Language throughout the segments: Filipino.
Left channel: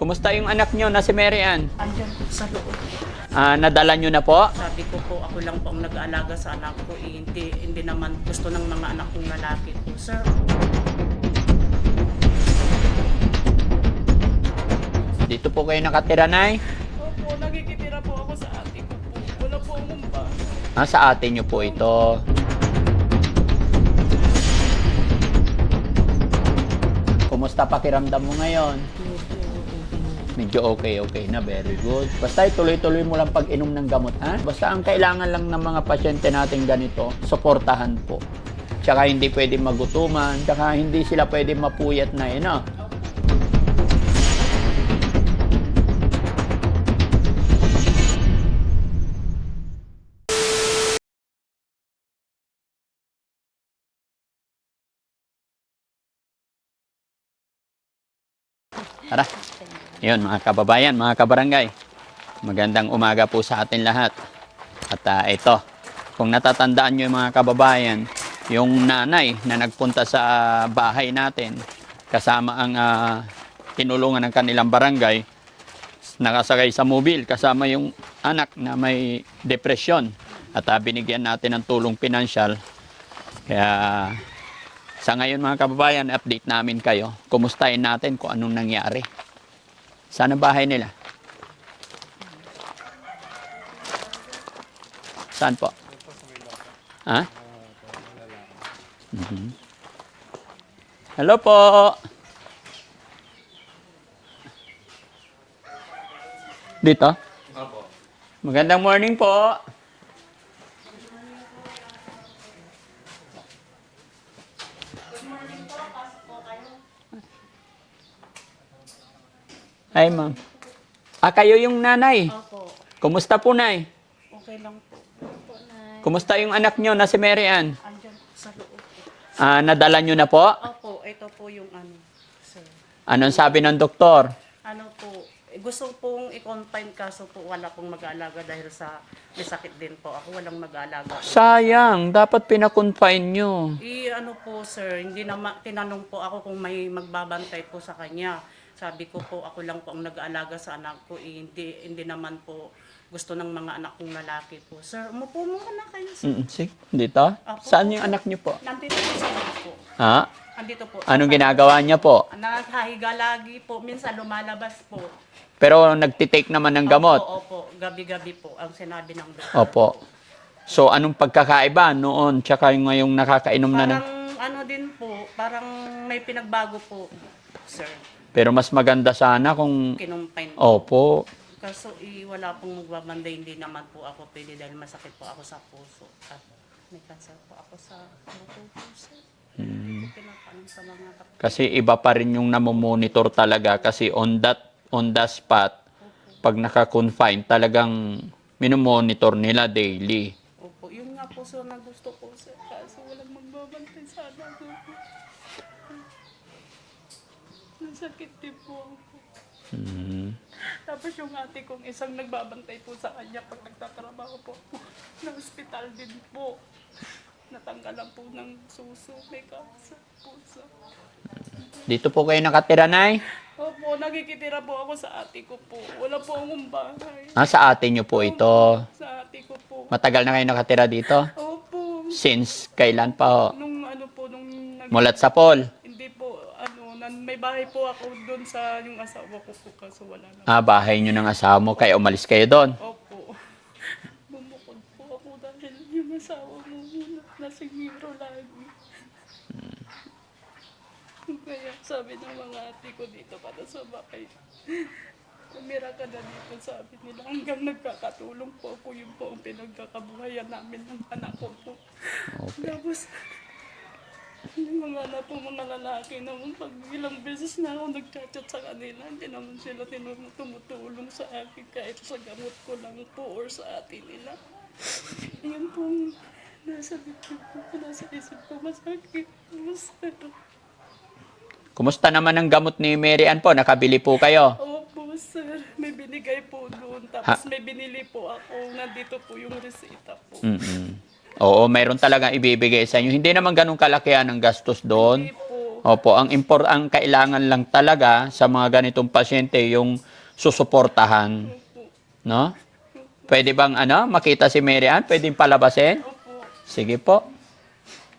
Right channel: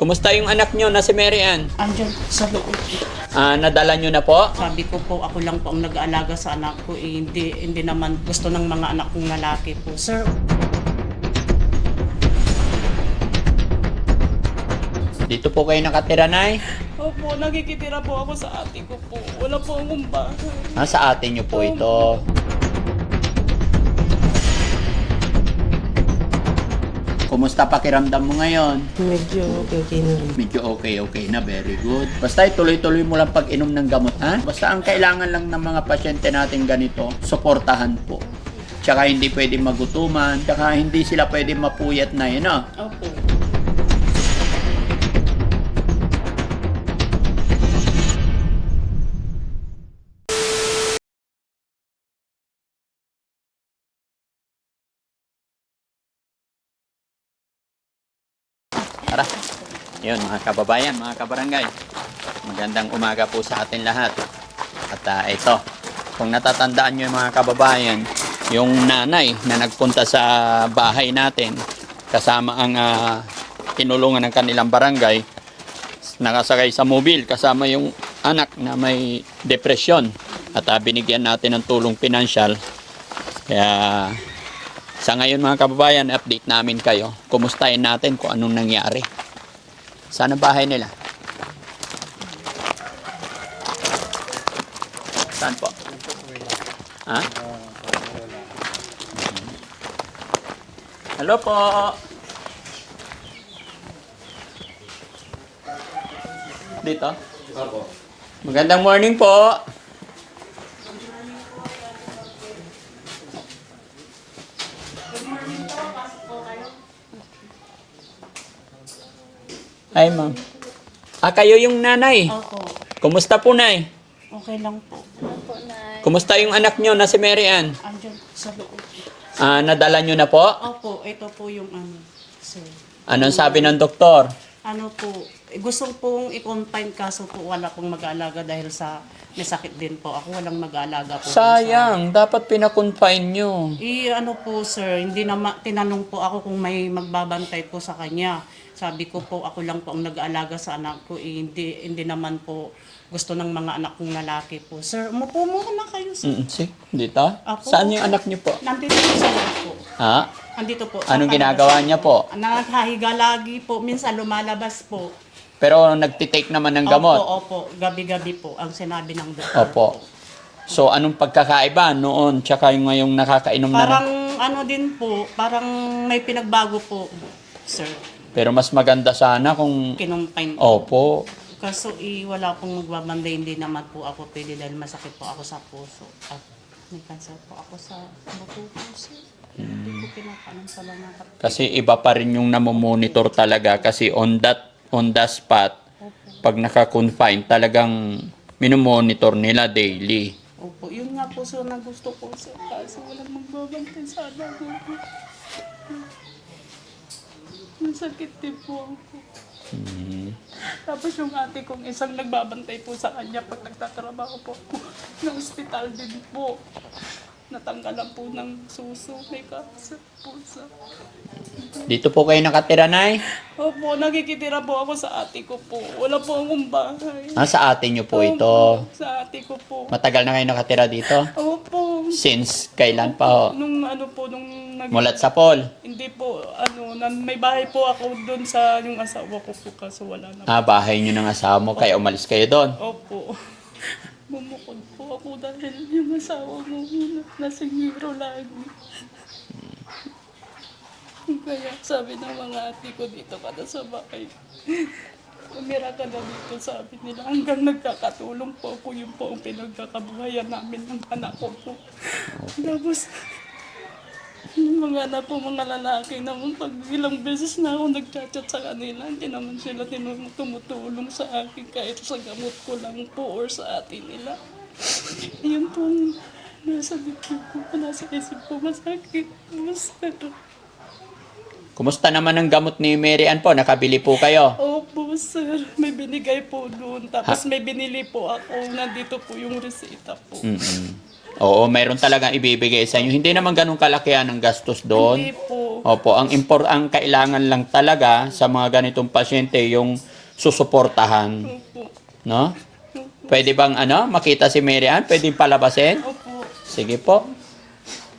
Kumusta yung anak nyo na si Mary Ann? Andyan sa loob. Nadala nyo na po? Sabi ko po, ako lang po ang nag-aalaga sa anak ko. Hindi naman gusto ng mga anak kong lalaki po. Sir, Dito po kayo nakatira, Nay? opo, nagkikitira po ako sa ate ko po. Wala po akong bahay. Sa atin nyo po ito. Kumusta pakiramdam mo ngayon? Medyo okay na. Medyo okay na. Very good. Basta ituloy-tuloy mo lang pag-inom ng gamot, ha? Basta ang kailangan lang ng mga pasyente natin ganito, suportahan po. Tsaka hindi pwede magutuman, tsaka hindi sila pwede mapuyat na yun, no? Opo. Tara. Yun, mga kababayan, mga kabarangay. Magandang umaga po sa atin lahat. At ito, kung natatandaan nyo yung mga kababayan, yung nanay na nagpunta sa bahay natin, kasama ang tinulungan ng kanilang barangay, nakasakay sa mobil, kasama yung anak na may depresyon. At binigyan natin ng tulong pinansyal. Kaya sa ngayon mga kababayan, update namin kayo. Kumustahin natin kung anong nangyari. Saan ang bahay nila? Saan po? Ha? Hello po! Dito? Magandang morning po! Ay, ma'am. Kayo yung nanay. Opo. Kumusta po, nay? Okay lang po. Kumusta yung anak nyo na si Mary Ann? Andyan sa loob. Nadala nyo na po? Opo, ito po yung sir. Anong sabi ng doktor? Ano po, gusto pong i-confine kaso po wala pong mag-aalaga dahil sa may sakit din po. Ako walang mag-aalaga po. Sayang, dapat pinakonfine nyo. Ano po sir, hindi naman tinanong po ako kung may magbabantay po sa kanya. Sabi ko po, ako lang po ang nag-aalaga sa anak ko. Hindi naman po gusto ng mga anak kong lalaki po. Sir, umupo muna kayo sir. Sige, dito? Apo. Saan yung anak nyo po? Nandito po sa loob po. Ha? Andito po. sa Anong palabas ginagawa niya po? Nakahiga lagi po. Minsan lumalabas po. Pero nagtitake naman ng gamot? Opo. Gabi-gabi po ang sinabi ng doktor Opo. po. So, anong pagkakaiba noon tsaka yung ngayong nakakainom na Parang ano din po, parang may pinagbago po, sir. Pero mas maganda sana kung... Kinumpine po. Opo. Kaso wala pong magbabanday, hindi naman po ako pwede dahil masakit po ako sa puso. At may cancer po ako sa buto po, sir. Hindi ko pinapaalam sa mga Kasi iba pa rin yung namomonitor talaga kasi on the spot, pag naka-confine, talagang minomonitor nila daily. Opo, yun nga po sir na gusto ko sir. Kasi walang magbabantay sa anak ko. Masakit din po ako. Tapos yung ate kong isang nagbabantay po sa kanya pag nagtatrabaho po ako. Sa ospital din po. Natanggalan po ng suso. May cancer po sa... Dito po kayo nakatira, Nay? Opo, nakikitira po ako sa ate ko po. Wala po akong bahay. Sa atin nyo po ito. Opo, sa ate ko po. Matagal na kayo nakatira dito? Opo. Since kailan pa ho? Nung ano po, nung... Mulat sa Paul? Hindi po, may bahay po ako doon sa yung asawa ko po kaso wala na. Bahay nyo ng asawa mo, kaya umalis kayo doon? Opo. Bumukod po ako dahil yung asawa ko nasa Negro lagi. Kaya sabi ng mga ate ko dito ka na sa bahay. Umira ka na dito, sabi nila. Hanggang nagkakatulong po ako, yun po ang pinagkakabuhayan namin ng anak ko po. Tapos, yung mga anak po mga lalaki naman, pag ilang beses na ako nagchat-chat sa kanila, hindi naman sila tumutulong sa akin kahit sa gamot ko lang po or sa atin nila. Yun po, nasa dito po, nasa isip po, masakit. Kumusta naman ang gamot ni Mary Ann po? Nakabili po kayo? Opo, sir. May binigay po doon. Tapos may binili po ako. Nandito po yung reseta po. Oo, mayroon talagang ibibigay sa inyo. Hindi naman ganun kalakihan ang gastos doon. Hindi po. Opo, ang kailangan lang talaga sa mga ganitong pasyente yung susuportahan, Opo. no? Pwede bang makita si Mary Ann? Pwedeng palabasin? Opo. Sige po.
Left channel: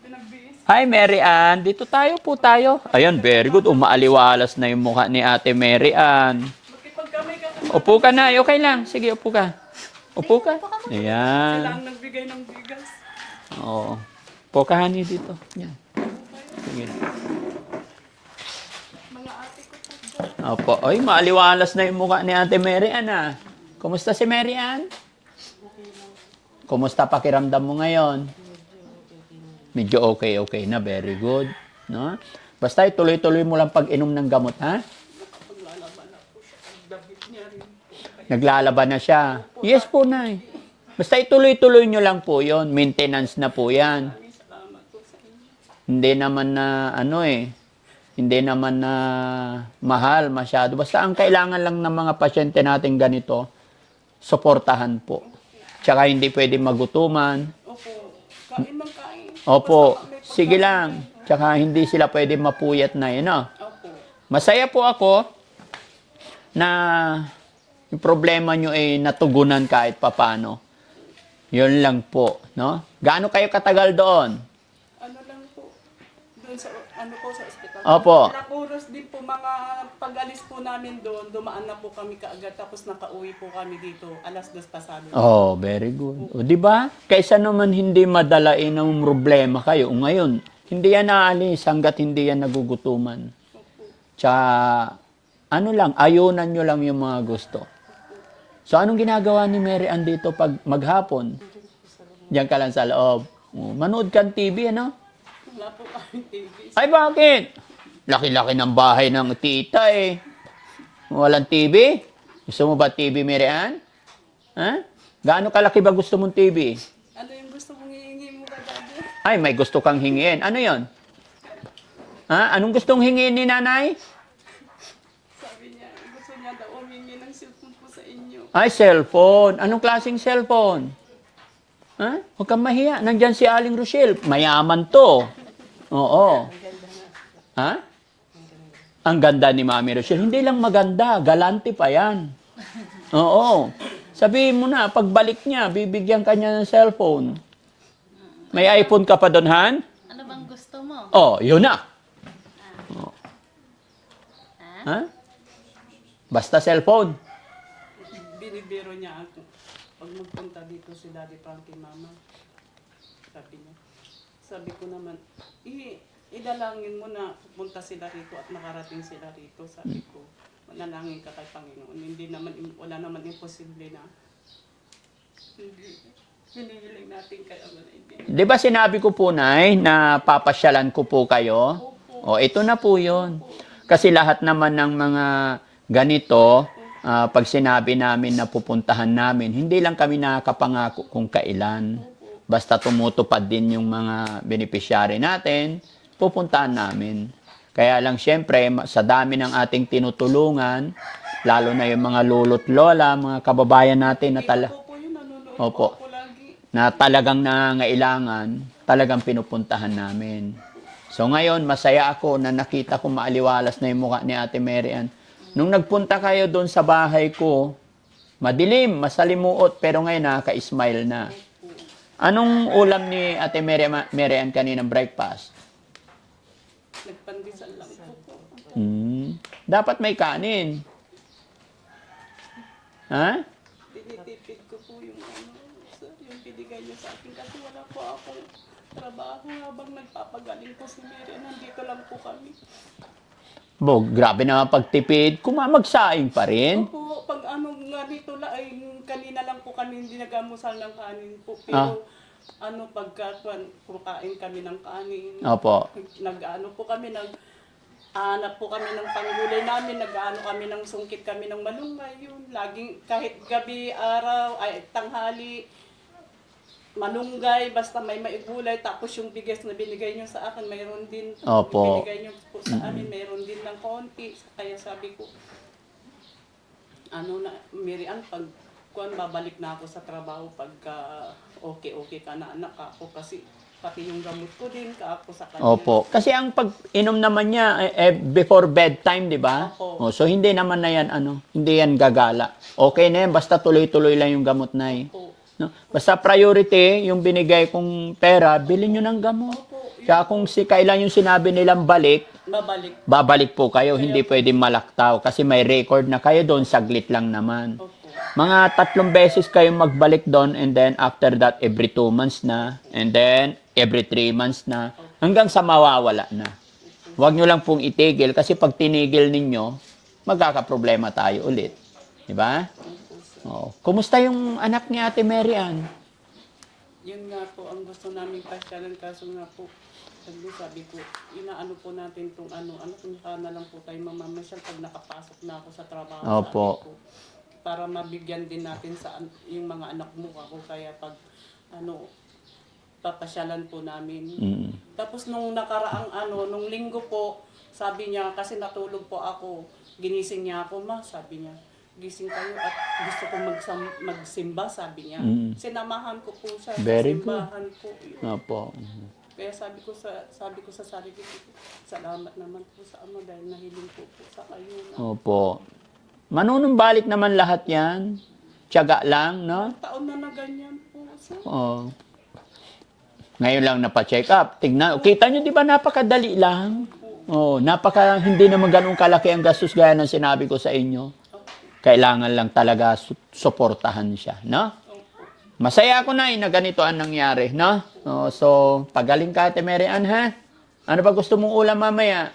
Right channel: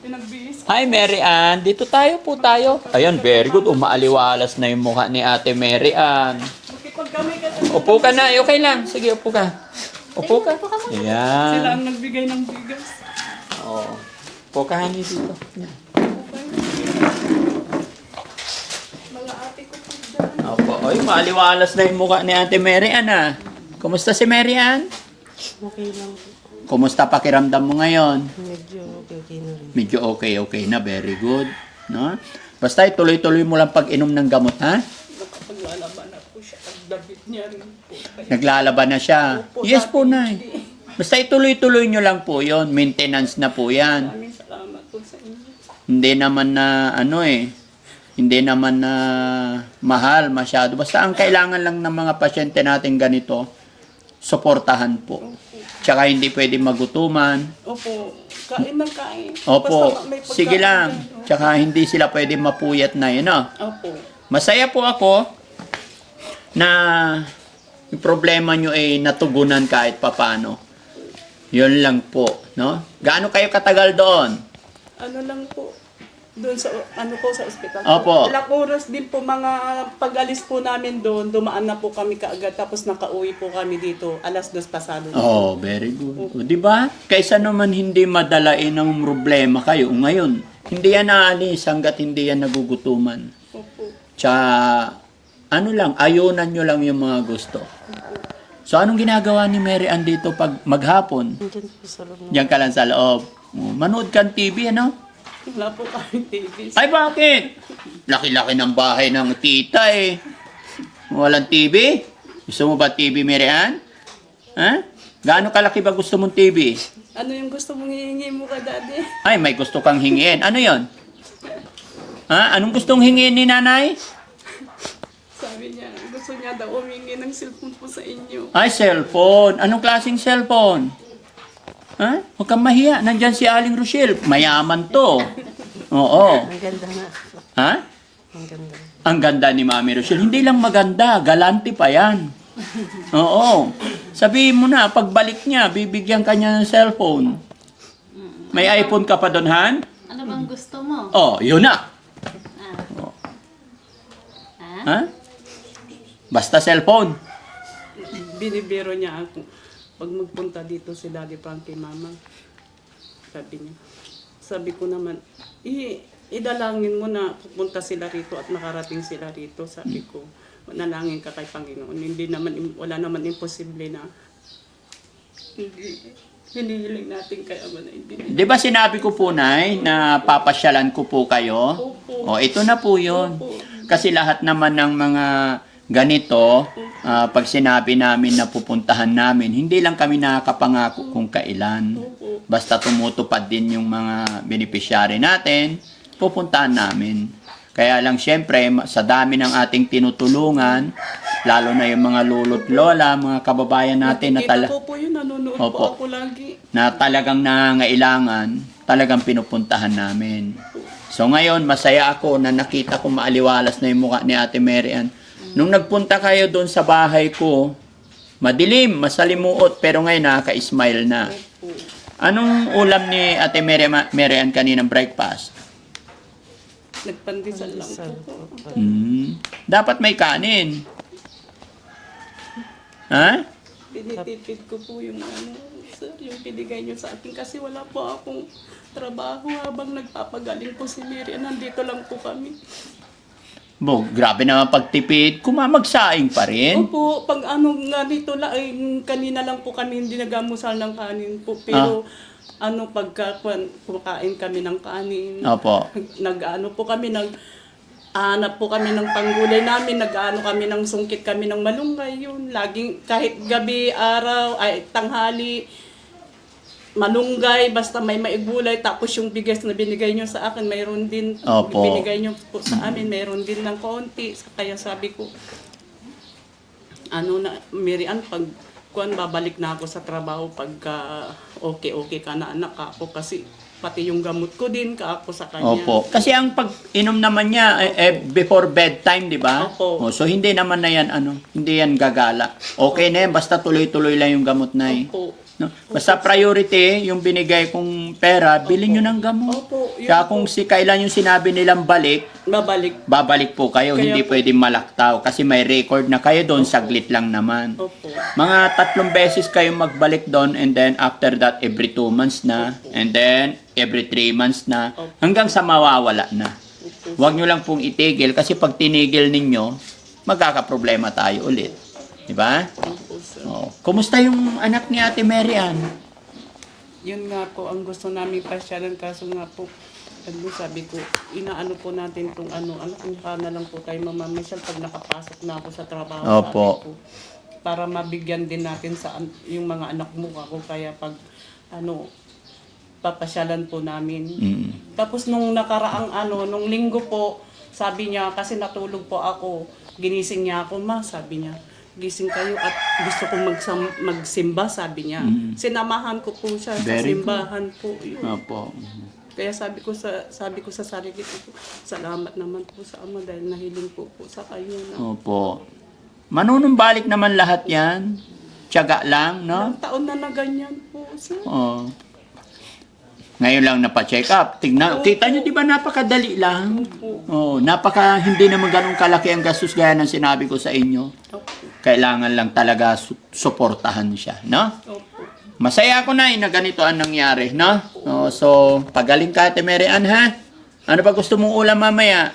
Pinagbihis. Hi Mary Ann, dito po tayo. Ayan, very good. Umaaliwalas na yung mukha ni Ate Mary Ann. Makipag kami kasi Upo ka na, okay lang. Sige, upo ka. Upo ka. sila Ayan. ang nagbigay ng bigas. Oo. Upo ka, honey, dito. Ayan. Mga ate ko po dyan. Opo. Oy, maaliwalas na yung mukha ni Ate Mary Ann, ah. Kumusta si Mary Ann? Okay lang po. Kumusta pakiramdam mo ngayon? Medyo okay na rin. Medyo okay na. Very good. No? Basta ituloy-tuloy mo lang pag-inom ng gamot, ha? Napaglalaban na po siya. Ang dabit niya rin po. Kaya Naglalaban na siya. Yes po, Nay. Basta ituloy-tuloy nyo lang po yon. Maintenance na po yan. maraming salamat po sa inyo. Hindi naman na hindi naman na mahal masyado. Basta ang kailangan lang ng mga pasyente natin ganito, suportahan po. Tsaka hindi pwede magutuman. Opo. Kain ng kain. Opo, Basta may pagkain sige lang. dyan. Tsaka hindi sila pwede mapuyat na yun, no? Opo. Masaya po ako na yung problema nyo ay natugunan kahit papano. Yun lang po, no? Gaano kayo katagal doon? Ano lang po. Doon sa, sa ospital. Opo. Ilang oras din po mga pag-alis po namin doon, dumaan na po kami kaagad, tapos nakauwi po kami dito, 2:00 pasado. Oh, very good. O, di ba? Kaysa naman hindi madalain ng problema kayo. Ngayon, hindi yan naalis hanggat hindi yan nagugutuman. Opo. Tsaka, ayunan nyo lang yung mga gusto. So, anong ginagawa ni Mary Ann dito pag maghapon? Nandyan po sa loob Diyan ka lang sa loob. Oh, manood ka ng TV, ano? Wala po kami TV. Ay, bakit? Laki-laki ng bahay ng tita, eh. Walang TV? Gusto mo ba TV, Mary Ann? Ha? Gaano kalaki ba gusto mong TV? Ano yung gusto mong hihingi mo ka, Daddy? Ay, may gusto kang hingin. Ano yon? Ha? Anong gustong hingin ni nanay? Sabi niya, gusto niya daw humingi ng cellphone po sa inyo. Ay, cellphone. Anong klaseng cellphone? Ha? Huwag kang mahiya. Nandyan si Aling Rochelle. Mayaman to. Oo. Ang ganda nga. Ha? Ang ganda. Ang ganda ni Mami Rochelle. Hindi lang maganda. Galante pa yan. Oo. Sabihin mo na, pagbalik niya, bibigyan ka niya ng cellphone. May iPhone ka pa doon, Han? Ano bang gusto mo? Oh, yun na. Ah? Ha? Basta cellphone. Binibiro niya ako. Pag magpunta dito si Daddy Frankie, Mama, sabi ko naman, idalangin mo na pupunta sila rito at nakarating sila rito. Sabi ko, manalangin ka kay Panginoon. Wala naman imposible na hinihiling natin kaya man hindi. Di ba sinabi ko po, Nay, na papasyalan ko po kayo? Opo. O, ito na po yun. Opo. Kasi lahat naman ng mga ganito, pag sinabi namin na pupuntahan namin, hindi lang kami nakakapangako kung kailan. Opo. Basta tumutupad din yung mga beneficiary natin, pupuntahan namin. Kaya lang syempre, sa dami ng ating tinutulungan, lalo na yung mga lolo't lola, mga kababayan natin na, Kita ko po yun, nanonood Opo. po ako lagi. na talagang nangangailangan, talagang pinupuntahan namin. So ngayon, masaya ako na nakita ko maaliwalas na yung mukha ni Ate Mary Ann. Nung nagpunta kayo doon sa bahay ko, madilim, masalimuot, pero ngayon nakaka-smile na. Anong ulam ni Ate Mary Ann kaninang breakfast? Nagpandesal lang po. Dapat may kanin. Ha? Tinitipid ko po yung sir, yung binigay niyo sa akin kasi wala po akong trabaho habang nagpapagaling po si Mary. Nandito lang po kami. Grabe naman pagtipid. Kumamagsaing pa rin. Opo, pag nga dito lang, ay kanina lang po kami hindi nagamusal ng kanin po. Pero kumakain kami ng kanin. Opo. Po kami, hanap po kami ng panggulay namin, kami ng sungkit kami ng malunggay yun. Laging, kahit gabi, araw, ay tanghali, malunggay, basta may maigulay. Tapos yung bigas na binigay nyo sa akin, mayroon din. Opo. Binigay nyo po sa amin, mayroon din ng konti. Kaya sabi ko, Mary Ann, babalik na ako sa trabaho pagka okay ka na anak ako kasi pati yung gamot ko din, kaako sa kanya. Opo. Kasi ang pag-inom naman niya before bedtime, di ba? Opo. So hindi naman na yan, hindi yan gagala. Okay na yan, basta tuloy-tuloy lang yung gamot na Opo. No? Basta priority, yung binigay kong pera, bilhin nyo ng gamot. Opo, yun Kaya kung kailan yung sinabi nilang balik, babalik po kayo. Kaya Hindi po- pwedeng malaktaw kasi may record na kayo doon, saglit lang naman. Opo. Mga 3 beses kayo magbalik doon and then after that, every 2 months na. And then, every 3 months na. Hanggang sa mawawala na. Huwag nyo lang pong itigil kasi pag tinigil ninyo, magkakaproblema tayo ulit. Diba? Oh. Kumusta yung anak ni Ate Mary Ann? Yun nga po, ang gusto namin pasyalan, kaso nga po, sabi ko, inaano po natin itong anak ka na lang po tayo mamamisyal pag nakapasok na ako sa trabaho. Opo. Sabi ko, para mabigyan din natin sa yung mga anak mo ako, kaya pag papasyalan po namin. Tapos nung nakaraang nung linggo po, sabi niya, kasi natulog po ako, ginising niya ako, ma, sabi niya, gising kayo at gusto kong magsimba, sabi niya. Sinamahan ko po siya Very sa simbahan po. Yun. Opo. Kaya sabi ko sa sarili ko, salamat naman po sa Ama dahil nahiling po sa kanya na. Opo. Manunumbalik naman lahat yan. Tiyaga lang, no? Ilang taon na ganyan po, sir. Oo. Ngayon lang napacheck up. Tingnan, kita nyo, di ba napakadali lang? Oo, hindi naman ganun kalaki ang gastos gaya ng sinabi ko sa inyo. Kailangan lang talaga suportahan siya, no? Masaya ako na na ganito ang nangyari, no? So, pagaling ka, Ate Mary Ann, ha? Ano ba gusto mong ulam mamaya?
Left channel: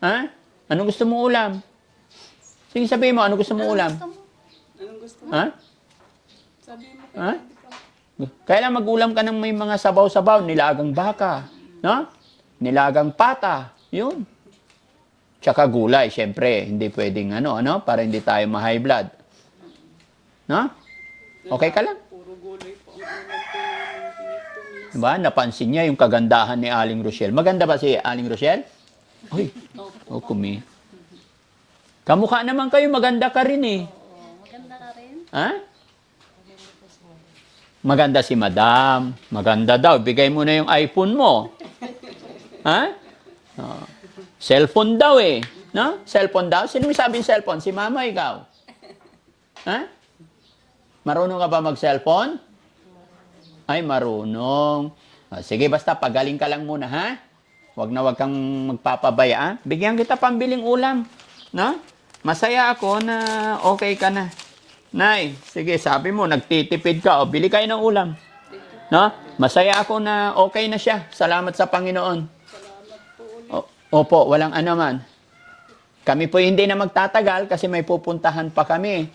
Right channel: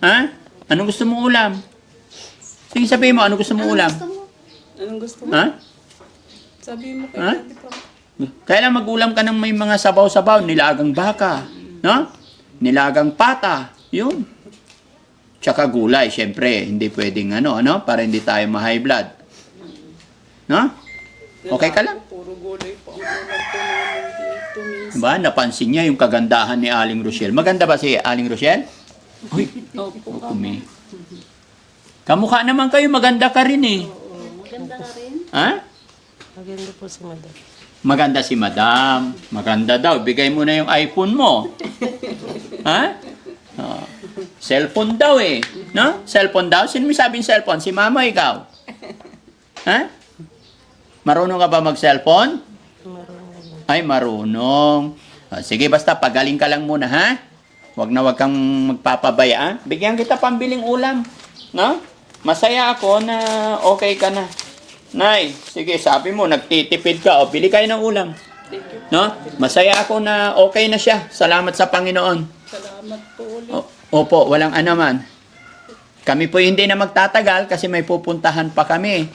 Ha? Anong gusto mong ulam? Sige, sabihin mo, ano gusto mong ulam? Anong gusto mo? Ha? Sabihin mo kay Ha? Daddy pa. Kailan mag-ulam ka ng may mga sabaw-sabaw, nilagang baka, no? Nilagang pata, yun. Tsaka gulay, syempre, hindi pwedeng para hindi tayo ma-high blood. No? Okay ka lang? Puro gulay po ang ulam po namin dito, miss. Diba? Napansin niya yung kagandahan ni Aling Rochelle. Maganda ba si Aling Rochelle? Uy, Opo. kumi. Kamukha naman kayo, maganda ka rin eh. Maganda ka rin. Ha? Maganda po si Madam. Maganda si Madam. Maganda daw. Bigay mo na yung iPhone mo. Ha? Oh. Cellphone daw eh. No? Cellphone daw? Sino may sabing cellphone? Si Mama, ikaw? Ha? Marunong ka ba mag-cellphone? Ay, marunong. Sige, basta pagaling ka lang muna, ha? Wag kang magpapabaya, ha? Bigyan kita pambiling ulam. No? Masaya ako na okay ka na. Nay, sige, sabi mo, nagtitipid ka. O, bili kayo ng ulam. No? Masaya ako na okay na siya. Salamat sa Panginoon. Salamat po ulit. Opo, walang anuman. Kami po hindi na magtatagal kasi may pupuntahan pa kami.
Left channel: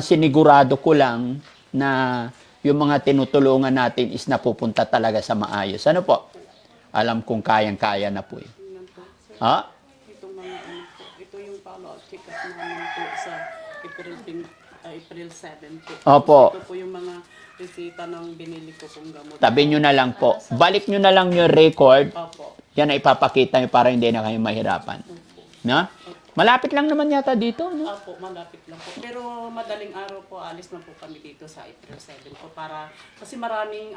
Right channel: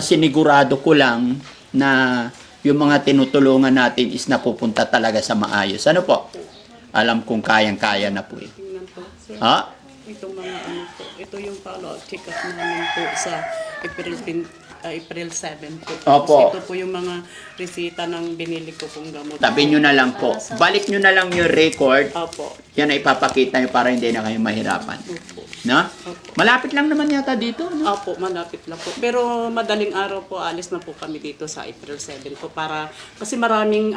Sinigurado ko lang na yung mga tinutulungan natin is napupunta talaga sa maayos. Ano po? Alam kong kayang-kaya na po eh. Tingnan po, sir. Ha? Itong mga po. Ito yung follow-up check-up namin po sa April 7 po. Opo. Tapos ito po yung mga resita ng binili ko pong gamot. Tabi nyo na lang po. Balik nyo na lang yung record. Opo. Yan ay ipapakita nyo para hindi na kayo mahirapan. No? Malapit lang naman yata dito. No? Opo, malapit lang po. Pero madaling araw po, alis na po kami dito sa April 7 po para, kasi maraming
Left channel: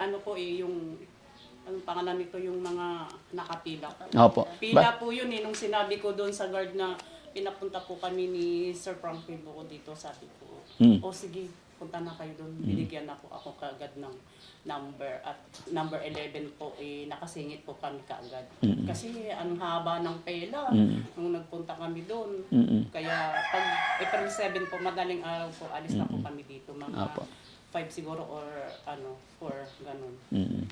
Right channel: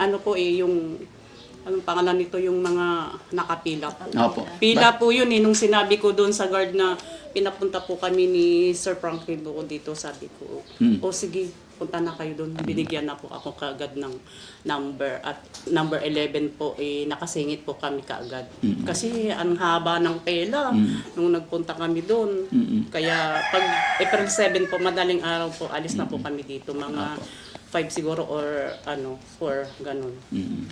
yung, anong pangalan nito, yung mga nakapila po. Opo. Pila po yun nung sinabi ko doon sa guard na pinapunta po kami ni Sir Franklin ko dito, sabi ko, o sige, punta na kayo doon. Binigyan na po ako kaagad ng number at number 11 po, nakasingit po kami kaagad. Kasi ang haba ng pela nung nagpunta kami doon. Kaya pag April 7 po, madaling araw po, alis na po kami dito. Mga 5 siguro or 4, ganun.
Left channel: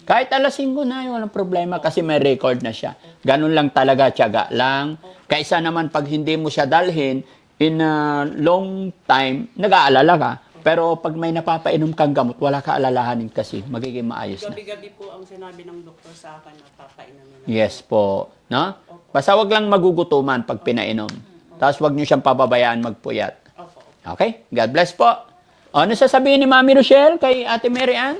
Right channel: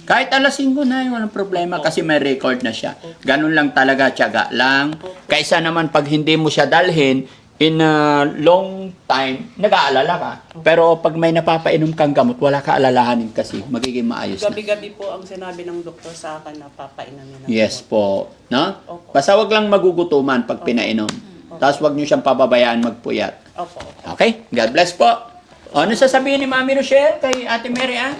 Kahit alas 5 na, walang problema kasi may record na siya. Ganun lang talaga, tiyaga lang. Kaysa naman pag hindi mo siya dalhin, in a long time, nag-aalala ka. Pero pag may napapainom kang gamot, wala ka alalahanin kasi magiging maayos na. Gabi-gabi po ang sinabi ng doktor sa akin na papainan na. Yes po. No? Basta wag lang magugutuman pag pinainom. Tapos wag niyo siyang pababayaan magpuyat. Opo. Okay? God bless po. Ano sasabihin ni Mami Rochelle kay Ate Mary Ann?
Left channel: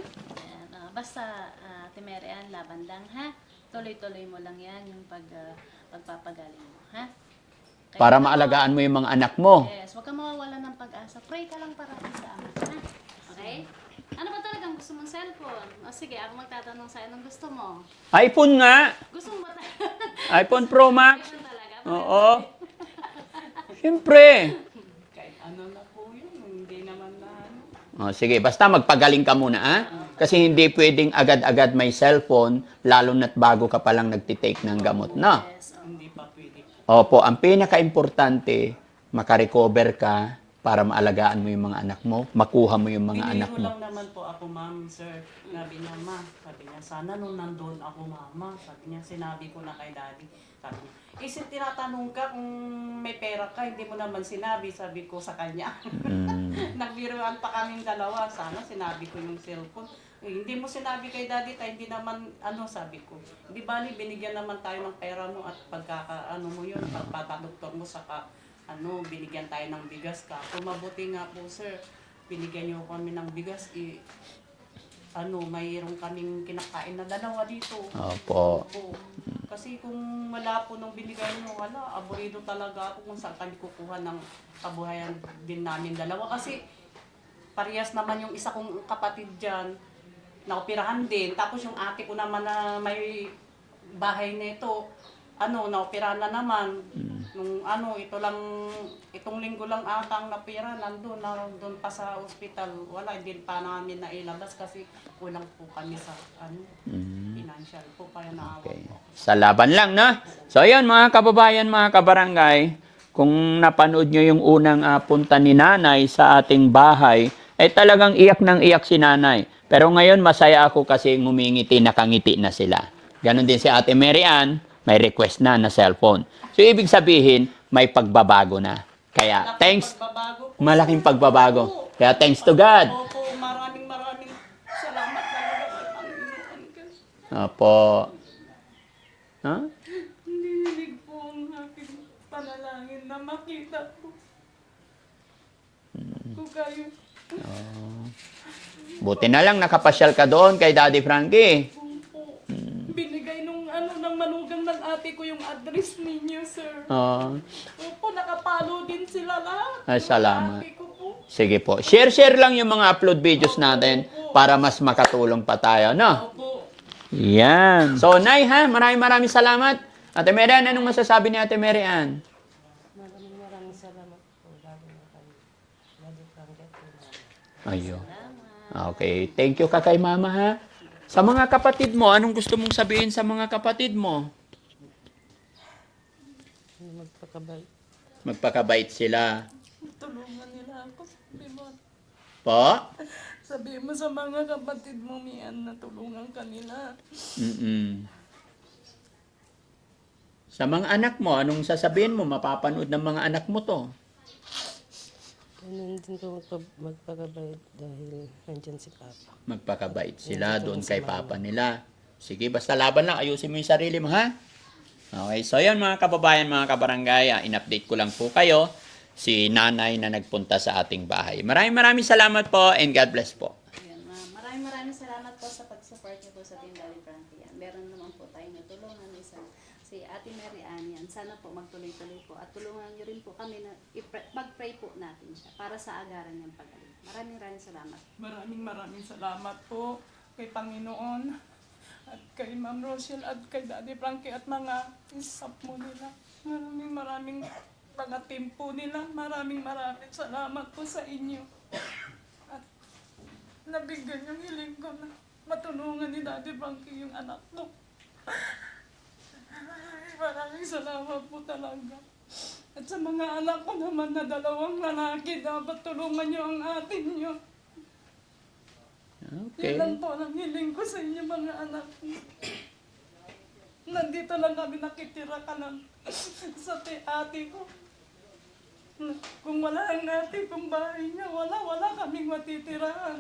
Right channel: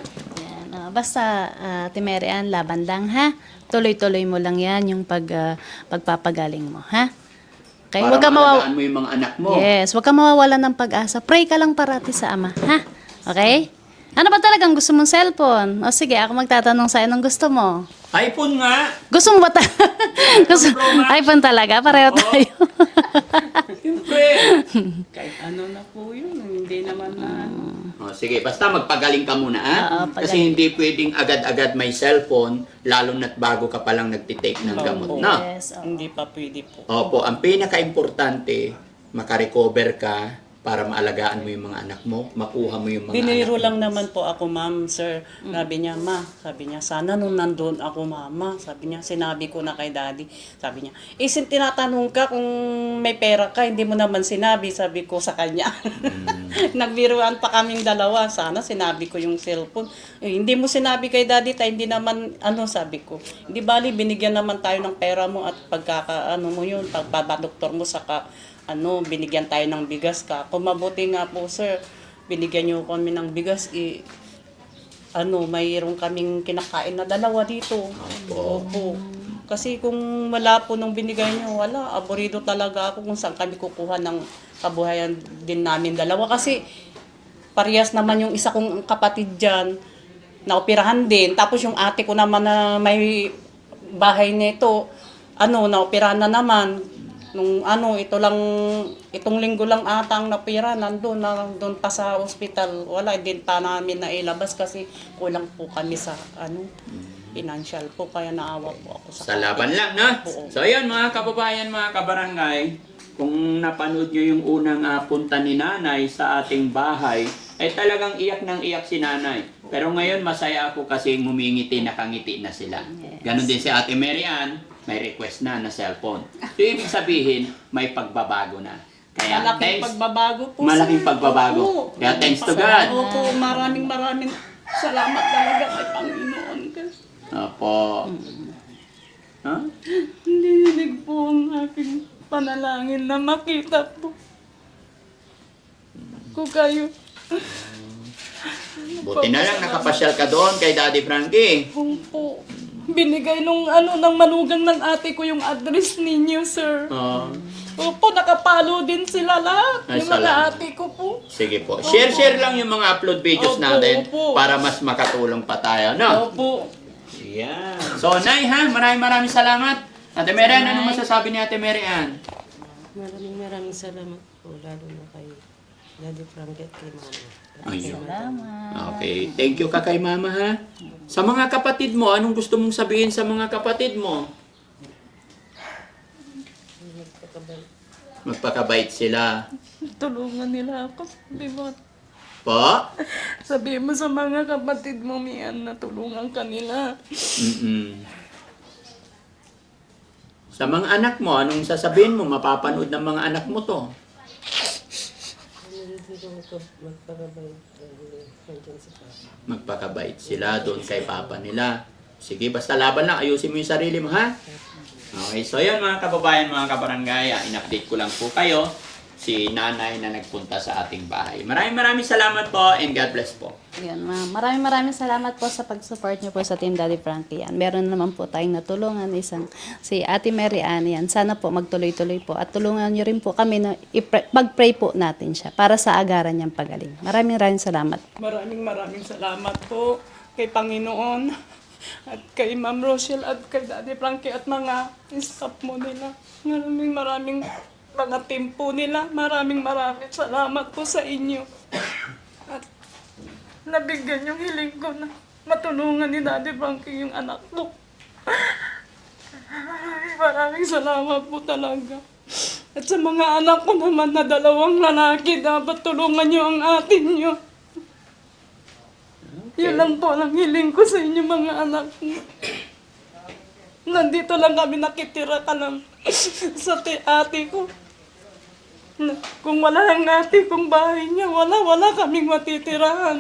Yan, basta, Ate Mary Ann, laban lang, ha? Tuloy-tuloy mo lang yan, yung pagpapagaling mo, ha? Kaya Para wag ka maalagaan mo yung mga anak mo. Yes, huwag ka mawawalan ng pag-asa. Pray ka lang parati sa Ama, ha? Okay? Ano ba talagang gusto mong cellphone? O sige, ako magtatanong sa'yo ng gusto mo. iPhone nga. Gusto mo ba iPhone Pro Max. iPhone talaga? Pareho Oo. tayo. Siyempre. Kahit ano na po yun, hindi naman na O, sige, basta magpagaling ka muna, ha? Oo, Kasi hindi pwedeng agad-agad may cellphone, lalo na't bago ka palang nagtitake ng gamot, no? Yes, oo. hindi pa pwede po. Opo, ang pinaka-importante, makarecover ka para maalagaan mo yung mga anak mo, makuha mo yung mga anak Biniro mo. lang naman po ako, ma'am, sir. Sabi niya, sabi niya, sana nung nandun ako, mama, sabi niya, sinabi ko na kay daddy. Sabi niya, tinatanong ka kung may pera ka, hindi mo naman sinabi, sabi ko sa kanya. Nagbiruan pa kaming dalawa, sana sinabi ko yung cellphone. Hindi mo sinabi kay daddy, hindi naman, sabi ko. Hindi bali, binigyan naman tayo ng pera mo at mo yun, pagpabadoktor mo saka, binigyan tayo ng bigas ka. Kung mabuti nga po, sir, binigyan niyo kami ng bigas, mayroon kaming kinakain na dalawa dito. Opo. Kasi kung wala po nung binigay niyo, wala. Aborido talaga ako kung saan kami kukuha ng kabuhayan din namin dalawa. Kasi parehas naman yung isa kong kapatid dyan, naoperahan din. Tapos yung ate ko naman na may bahay nito, naoperahan na naman. Nung itong linggo lang atang napira, nandun pa sa ospital. Wala, din pa namin nailabas kasi kulang po kami sa financial po, kaya naawa po ako Sa laban lang, no? Oo. So, yun, mga kababayan, mga kabarangay, kung napanood nyo yung unang punta ni nanay sa ating bahay, ay talagang iyak ng iyak si nanay. Pero ngayon, masaya ako kasi ngumingiti, nakangiti na sila. Ganon din si Ate Mary Ann, may request na cellphone. So, ibig sabihin, may pagbabago na. Kaya, thanks. Pagbabago po. Malaking sir. pagbabago. Opo. Kaya, thanks to God. Opo, maraming salamat talaga kay Panginoon. Kasi Opo. Huh? hinihilig po ang aking panalangin na makita po ko kayo. Buti na lang, nakapasyal ka doon kay Daddy Frankie. Opo. Binigay ng manugang ng ate ko yung address ninyo, sir. Oh. Opo, nakapalo din sila lahat. Ay, Yung mga salamat. ate ko po. Sige po. Share lang yung mga upload videos Opo, natin opo. para mas makatulong pa tayo, no? Opo. Yan. So, Nay, ha? Maraming salamat. Ate Mary Ann, anong masasabi ni Ate Mary Ann? Maraming salamat po, lalo na kay Daddy Frankie at kay Mama. Ayun. Okay. Thank you ka kay Mama, ha? Sa mga kapatid mo, anong gusto mong sabihin sa mga kapatid mo? Magpakabait. Magpakabait sila. Tulungan nila ako. Sabi mo, Po? sabi mo sa mga kapatid mo, Mian, na tulungan ka nila. Mm-mm. Sa mga anak mo, anong sasabihin mo? Mapapanood ng mga anak mo to. Magpakabait dahil nandyan si Papa. Magpakabait sila doon kay Papa nila. Sige, basta laban lang. Ayusin mo yung sarili mo, ha? Okay, so yan mga kababayan, mga kabarangay. In-update ko lang po kayo si nanay na nagpunta sa ating bahay. Maraming salamat po and God bless po. Yan, ma'am. Maraming salamat po sa pag-support niyo po sa Team Daddy Frankie. Yan. Meron naman po tayong natulungan si Ate Mary Ann. Yan. Sana po magtuloy-tuloy po at tulungan niyo rin po kami na mag-pray po natin siya para sa agaran niyang pagaling. Maraming salamat. Maraming salamat po kay Panginoon at kay Ma'am Rochelle at kay Daddy Frankie at mga staff mo nila. Maraming mga team po nila. Maraming salamat po sa inyo. At nabigyan yung hiling ko na matulungan ni Daddy Frankie yung anak ko. Maraming salamat po talaga. At sa mga anak ko naman na 2 lalaki, dapat tulungan niyo ang atin niyo. Yun lang po ang hiling ko sa inyo mga anak ko. Nandito lang kami nakitira ka lang sa ate ko. Kung wala ang ate kong bahay niya, wala kaming matitirahan.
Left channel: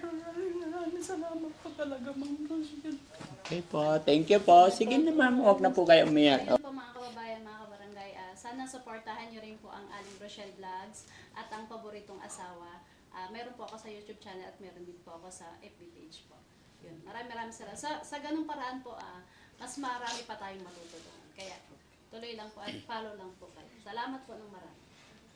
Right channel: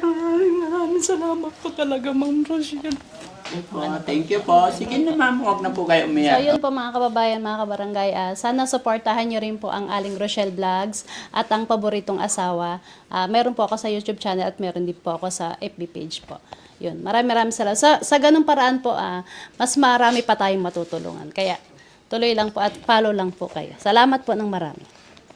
Maraming salamat po talaga, Ma'am Rochelle. Thank you po. Sige na ma'am, huwag na po kayo So, umiyak. yun po mga kababayan, mga kabarangay. Sana supportahan nyo rin po ang Aling Rochelle Vlogs at ang paboritong asawa. Meron po ako sa YouTube channel at meron din po ako sa FB page po. Yun, maraming salamat. Sa ganung paraan po, mas marami pa tayong matutulungan. Kaya, tuloy lang po at follow lang po kayo. Salamat po ng marami.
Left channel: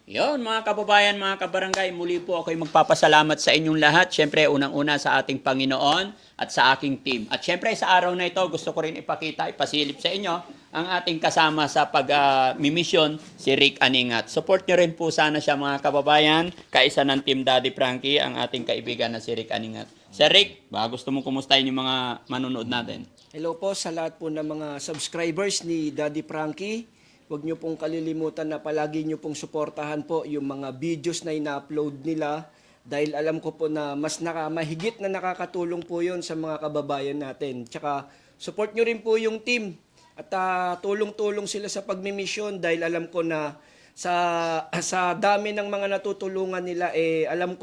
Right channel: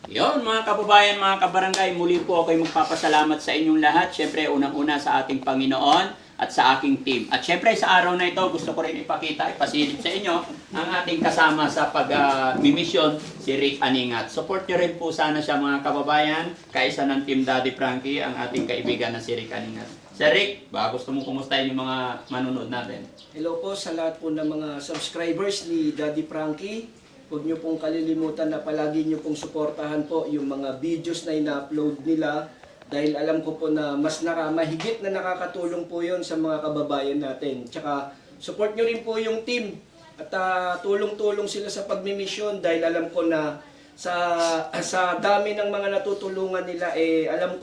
Yon mga kababayan, mga kabarangay, muli po ako'y magpapasalamat sa inyong lahat. Siyempre, unang-una sa ating Panginoon at sa aking team. At siyempre, sa araw na ito, gusto ko rin ipasilip sa inyo ang ating kasama sa pag-mission, si Rick Aningat. Support nyo rin po sana siya mga kababayan, kaisa ng Team Daddy Frankie, ang ating kaibigan na si Rick Aningat. Sir Rick, baka gusto mo kumustahin yung mga manunod natin? Hello po sa lahat po ng mga subscribers ni Daddy Frankie. Huwag niyo pong kalilimutan na palagi niyo pong suportahan po yung mga videos na ina-upload nila dahil alam ko po na mas mahigit na nakakatulong po yun sa mga kababayan natin. Tsaka support niyo rin po yung team at tulong-tulong sila sa pagmimisyon dahil alam ko na sa dami ng mga natutulungan nila alam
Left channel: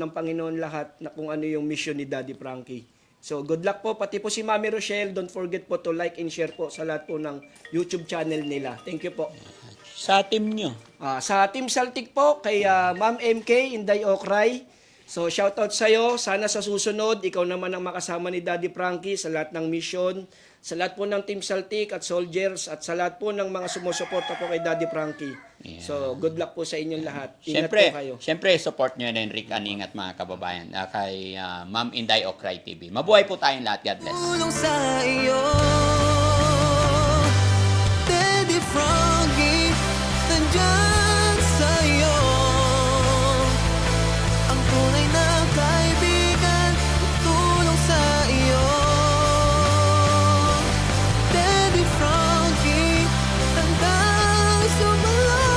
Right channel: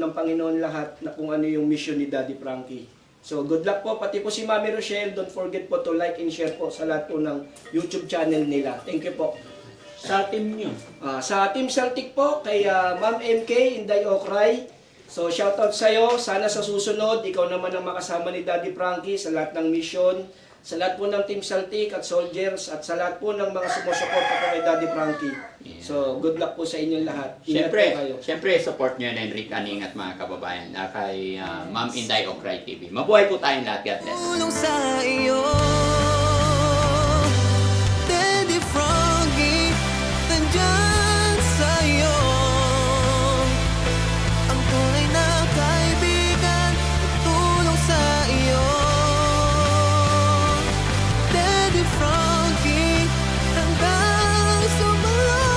ng Panginoon lahat na kung ano yung mission ni Daddy Frankie. So, good luck po. Pati po si Mami Rochelle, don't forget po to like and share po sa lahat po ng YouTube channel nila. Thank you po. Sa team nyo. Sa Team Celtic po, kay Ma'am MK, Inday Okray. So, shoutout sa'yo. Sana sa susunod, ikaw naman ang makasama ni Daddy Frankie sa lahat ng mission, sa lahat po ng Team Celtic at Soldiers, at sa lahat po ng mga sumusuporta po kay Daddy Frankie. So, good luck po sa inyong lahat. Ingat po kayo. Siyempre, support nyo rin Rick Aningat mga kababayan kay Ma'am Inday Okray TV. Mabuhay po tayong lahat. God bless. Tulong sa iyo, Daddy Frankie, nandyan sa'yo. Ang tunay na kaibigan, tutulong sa iyo. Daddy Frankie, hanggang sumalot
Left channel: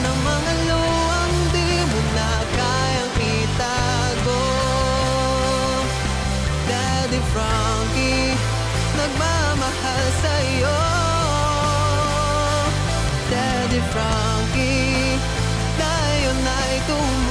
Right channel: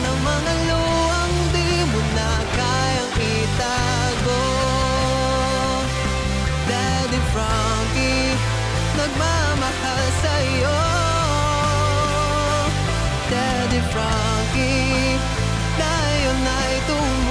ng mga luwang di mo na kayang itago. Daddy Frankie, nagmamahal sa'yo. Daddy Frankie, tayo na'y tumulong.